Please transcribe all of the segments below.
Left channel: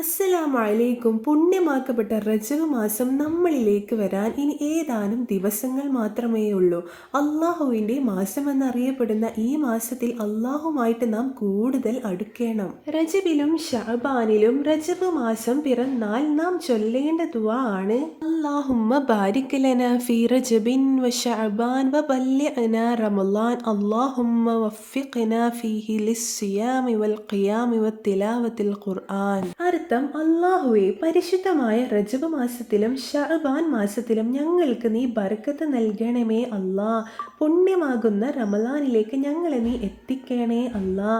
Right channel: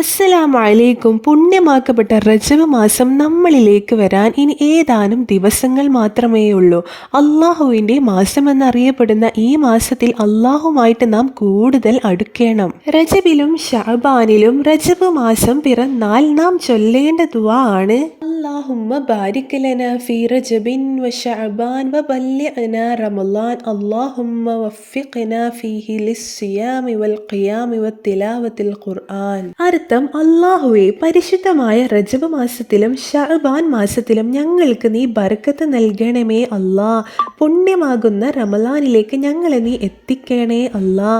അസ്സലാമു അലൈക്കും. പുണ്യമാക്കപ്പെട്ട റജബ് മാസം നമ്മളിലേക്ക് വരാൻ ഇനി ഏതാനും ദിവസങ്ങൾ മാത്രമേ ഉള്ളൂ. അള്ളാഹുവിൻ്റെ മാസമെന്നറിയപ്പെടുന്ന ഈ മാസത്തിൽ അള്ളാഹുമായിട്ട് നാം കൂടുതൽ അടുക്കണം. റജബിലും ഷഅബാനിലും റജബ് മാസം പിറന്നാൽ നാം ചൊല്ലേണ്ട ദുആ ആണ് അല്ലാഹുമ്മ ബാരിക് ലനാ ഫീ റജബിൻ വശഅബാൻ വബല്ലിഗ്നാ റമളാൻ അല്ലാഹുമ്മ വഫിഖ്നാ ഫീഹി ലിസ്സിയാമി വൽഖിയാമി വത്തിലാവത്തിൽ ഖുർആൻ. അർത്ഥം, അല്ലാഹുവേ, പരിശുദ്ധമായ റജബ് മാസത്തിലും ഷഅബാൻ മാസത്തിലും ഞങ്ങൾക്ക് നീ ബർക്കത്ത് നൽകണമേ അല്ലാ. പുണ്യമാകുന്ന റമളാനിലേക്ക് ഞങ്ങളെ നീ എത്തിക്കണേ അല്ലാ.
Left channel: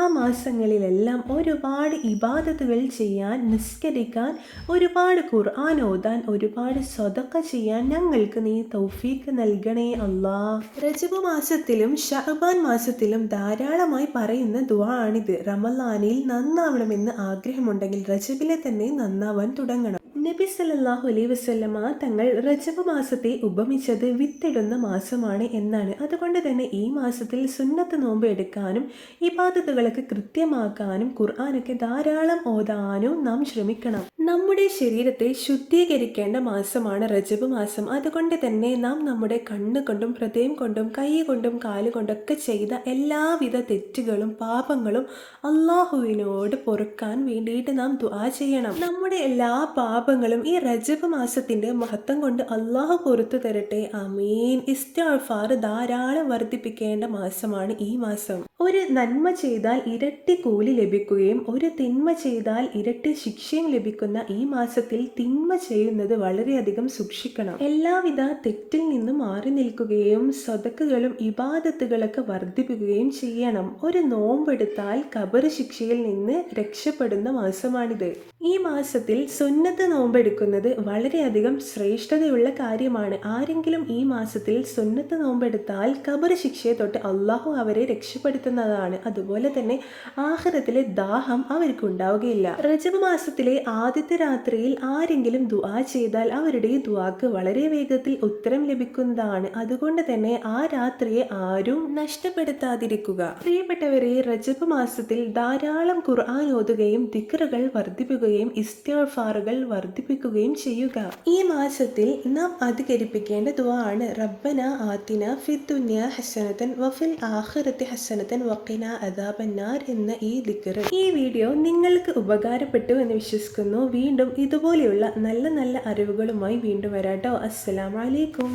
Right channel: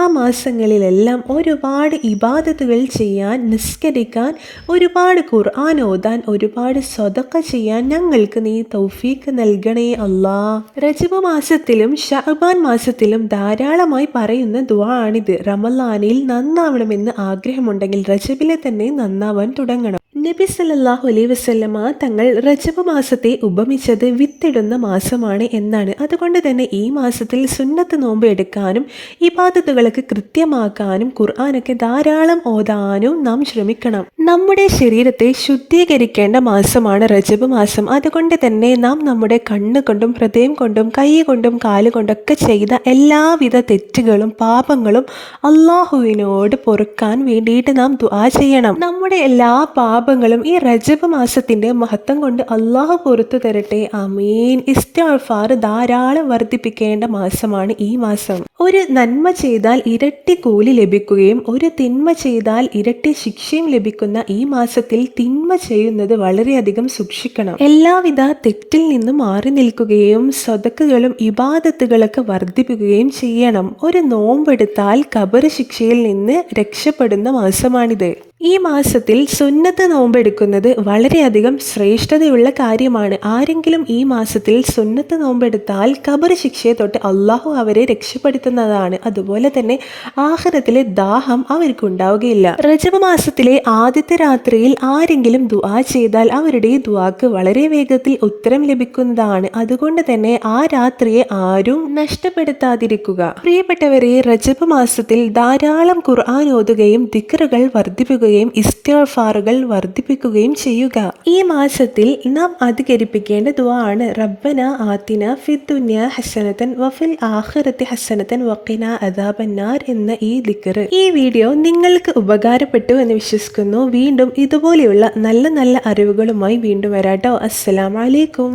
ആ മാസങ്ങളിലെല്ലാം ഒരുപാട് ഇബാദത്തുകൾ ചെയ്യാൻ, നിസ്കരിക്കാൻ, ഒരുപാട് ഖുർആൻ ഓതാൻ, ഒരുപാട് സ്വതക്ക ചെയ്യാൻ ഞങ്ങൾക്ക് നീ തൗഫീക്ക് നൽകണേ അല്ലാ. റജബ് മാസത്തിലും ഷഅബാൻ മാസത്തിലും ധാരാളമായി പറയുന്ന ദുആ ആണിത്. റമളാനിൽ നന്നാവണമെന്ന് ആഗ്രഹമുണ്ടെങ്കിൽ റജബിലെ തന്നെ നന്നാവാൻ തുടങ്ങണം. നബി സല്ലല്ലാഹു അലൈഹി വസല്ലമ തങ്ങൾ റജബ് മാസത്തെ ഉപമിച്ചത് വിത്തിടുന്ന മാസമാണ് എന്നാണ്. അതുകൊണ്ട് തന്നെ ഈ മാസത്തിൽ സുന്നത്ത് നോമ്പ് എടുക്കാനും ഇബാദത്തുകളൊക്കെ കൃത്യമാക്കാനും ഖുർആനൊക്കെ ധാരാളം ഓതാനും നാം ശ്രമിക്കണം. നമ്മുടെ ശരീരത്തെ ശുദ്ധീകരിക്കേണ്ട മാസമാണ് റജബ് മാസം. അതുകൊണ്ട് തന്നെ നാം നമ്മുടെ കണ്ണുകൊണ്ടും ഹൃദയം കൊണ്ടും കൈ കൊണ്ടും കാലുകൊണ്ടൊക്കെ ചെയ്ത എല്ലാവിധ തെറ്റുകളും പാപങ്ങളും അള്ളാഹുവിനോട് പൊറുക്കാൻ വേണ്ടിയിട്ട് നാം ദുആ ചെയ്യണം. നമ്മുടെ എല്ലാ പാപങ്ങളും ഈ റജബ് മാസത്തിന്റെ മഹത്വം കൊണ്ട് അള്ളാഹു പുറത്തു തരട്ടെ. ആമീൻ. ഇസ്തിഗ്ഫാർ ധാരാളം വർദ്ധിപ്പിക്കേണ്ട മാസമാണ് ഈ മാസം. ഒരു നന്മ ചെയ്താൽ ഇരട്ടി കൂലി ലഭിക്കുകയും ഒരു തിന്മ ചെയ്താൽ ഇരട്ടി ശിക്ഷയും ലഭിക്കുന്ന ഈ മാസത്തിൽ തിന്മ ചെയ്യുന്നത് വളരെയധികം സൂക്ഷിക്കണം. എല്ലാവിധ തെറ്റിൽ നിന്നും മാറി നിൽക്കുകയും സ്വതക്കുകളും ഇബാദത്തുകളൊക്കെ വർദ്ധിപ്പിക്കുകയും ചെയ്യണം. ഒരു നോമ്പെടുത്താൽ ഖബർ ശിക്ഷയിൽ നിന്ന് രക്ഷപ്പെടുന്ന മാസമാണിത്. ഈ മാസത്തിൽ സുന്നത്ത് നോമ്പെടുക്കുന്നത് വളരെയധികം ശ്രേഷ്ഠതയുള്ള കാര്യമാണ്. ആരെങ്കിലും ഈ മാസത്തിൽ സുന്നത്ത് നോമ്പെടുത്താൽ ഖബർ ശിക്ഷയെ തൊട്ട് അള്ളാഹു അവരെ രക്ഷപ്പെടുത്തുന്നതാണ്. അതുപോലെ തന്നെ ആഖിറത്തിലെ ദാഹം അവർക്കുണ്ടാവുകയില്ല. റജബ് മാസത്തിലെ ആദ്യത്തെ രാത്രിയിൽ ആരെങ്കിലും ദുആ ചെയ്താൽ അവരുടെ ദുആക്ക് വളരെ വേഗത്തിൽ ഉത്തരം ലഭിക്കുന്നതാണ്. അതുകൊണ്ട് തന്നെ ആ രാത്രിയെ ആരും നഷ്ടപ്പെടുത്താതിരിക്കുക. പ്രിയപ്പെട്ടവരെ, റജബ് മാസത്തിൽ ധാരാളം ഖുർആൻ ഓതുകയും ദിക്റുകൾ വർദ്ധിപ്പിക്കുകയും ഇസ്തിഗ്ഫാറുകൾ വർദ്ധിപ്പിക്കുകയും ചെയ്യുക. ഈ മാസത്തിൽ നാം അധികരിപ്പിക്കേണ്ട ദുആ ആണ് റബ്ബന ആതിന ഫിദ്ദുനിയ ഹസനതൻ വഫിൽ ആഖിറതി ഹസനതൻ വഖിനാ അദാബന്നാർ എന്ന ഈ ദിക്ർ. ഈ വീഡിയോ നിങ്ങൾക്ക് ഉപകാരപ്പെട്ടു എന്ന് വിശ്വസിക്കുന്നു. വീണ്ടും ഇതുപോലെയുള്ള നല്ല നല്ല അറിവുകളുമായി വീണ്ടും വരാട്ടോ. അസ്സലാമു അലൈക്കും.